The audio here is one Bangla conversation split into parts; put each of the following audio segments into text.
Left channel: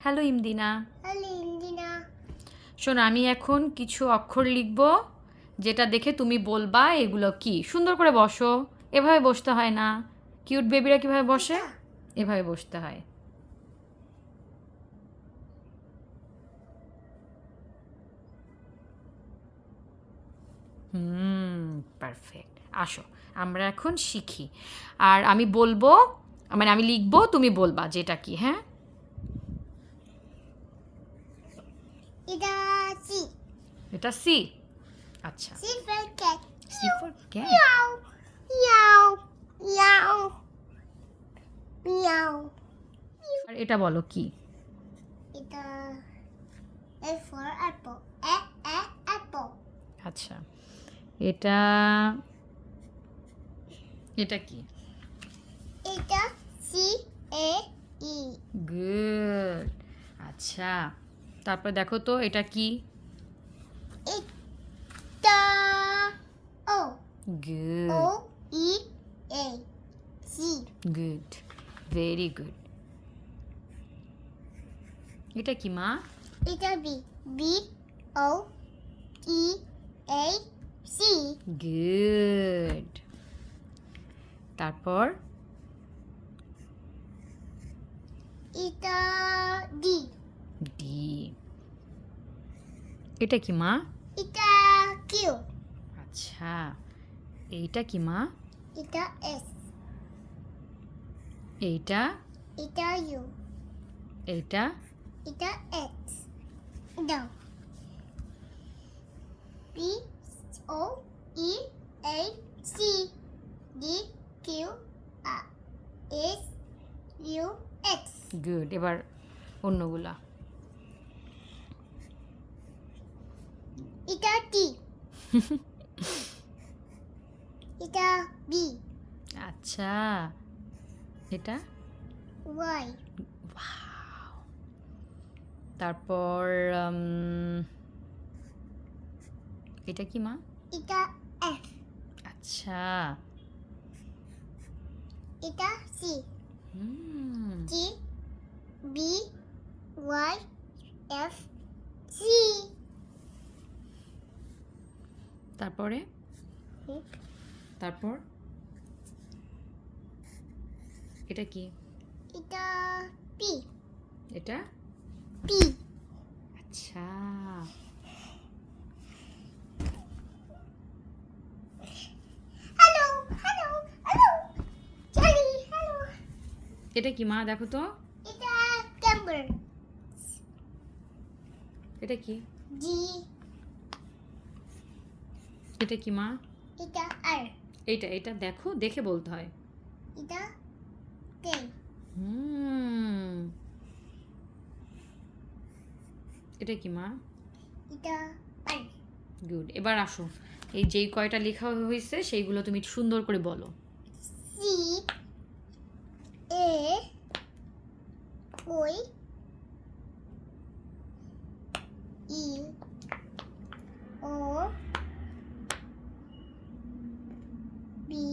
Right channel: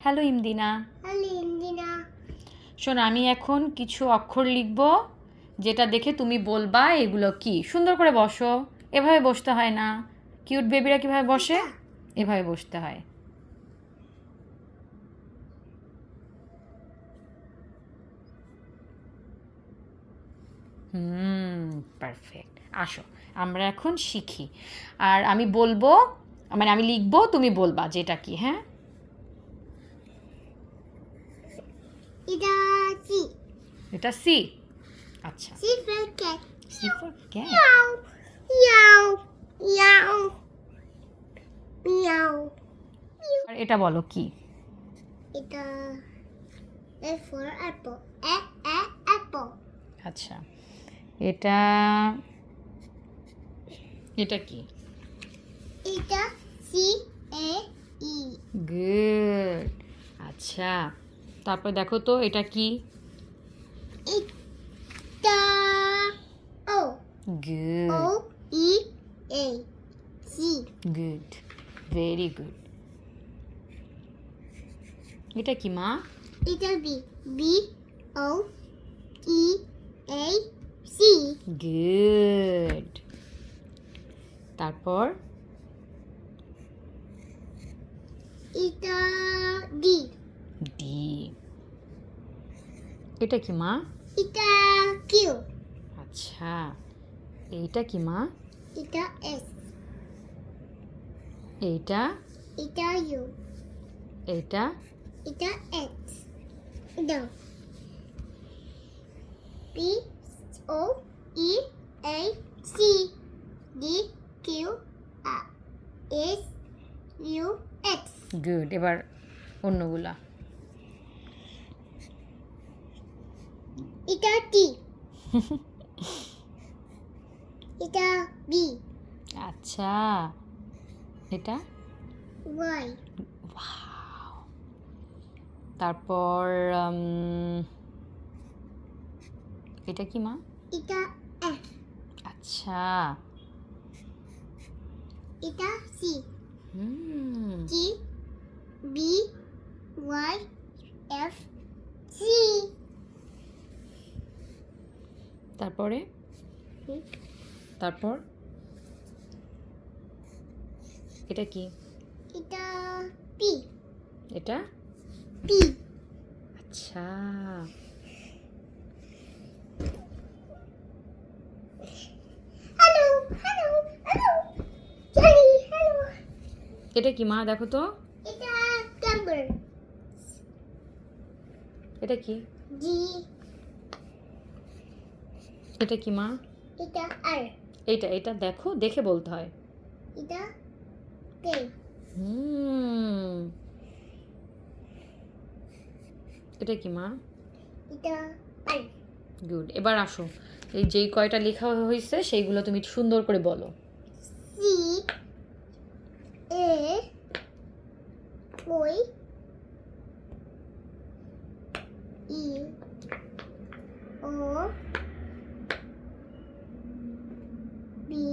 হ্যালো ইমদিনা। হ্যালো শোন আমি এখন কিছু অক্ষর লিখব যেটা দেখে তুমি বলবা এগুলো কি। সুন্দর করে বসো। এভাবে বসতে হয় না। কিউট বেবিরা কীভাবে বসে? এভাবে বসতে হয়। হুম পারফেক্ট আসো আমরা এখন শিখি। আর আমি বলব মানে আমি লিখব তুমি বলবা যেটা কি হ্যাঁ? এটা সি এটা সি আচ্ছা। C for cat C for cat Miao মিয়াও মিয়াও মিয়াও আর এটা বলো কি? এটা A for apple A A apple আচ্ছা। এটা এটা কি? এটা সি এ ই গুড আচ্ছা। তারপর দেখো তো এটা কি? O. E A C good very good এটা কি মা? এটা B B O E A C. Good তারপর? এটা ডি ডি এটা কি মা? এটা কিউ আচ্ছা। এইটা কি মা? এটা এস এইটা? এটা ইউ এইটা? এটা এক্স দাও। P O E A C D Q R S U X good এবার অন্যগুলা। এটা টি এটা বি আচ্ছা। এটা? ওয়াই. তারপর এটা কি মা? এটা এফ আচ্ছা। এটা সি হুম। G B Y F C তারপরে? তারপর? এটা কি? এটা পি। এটা? পি। আচ্ছা। এটা কি মা? দেখো তো। এটা এটা কি? জি এটা কি মা? এটা আর। এইটা এটা দেখো দেখে বলতে হয়। এটা হুম। এটা কি মা? এটা আর গুড। এবার আসো। এই যেই কয়টা লেখা হয়েছে সেইগুলো তুমি সুন্দর করে বলো। সি এ ওই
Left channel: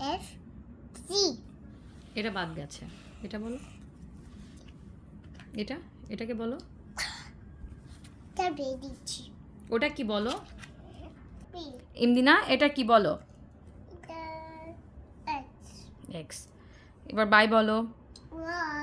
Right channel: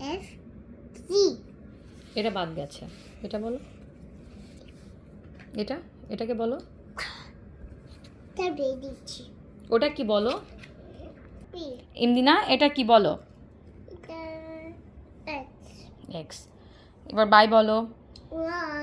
এফ সি এটা বাদ গেছে। এটা বলো। এটা? এটাকে বলো। দিচ্ছি। ওটা কি বলো? এমনি না এটা কি বলো? এক্স এবার বাই বলো। ওয়াই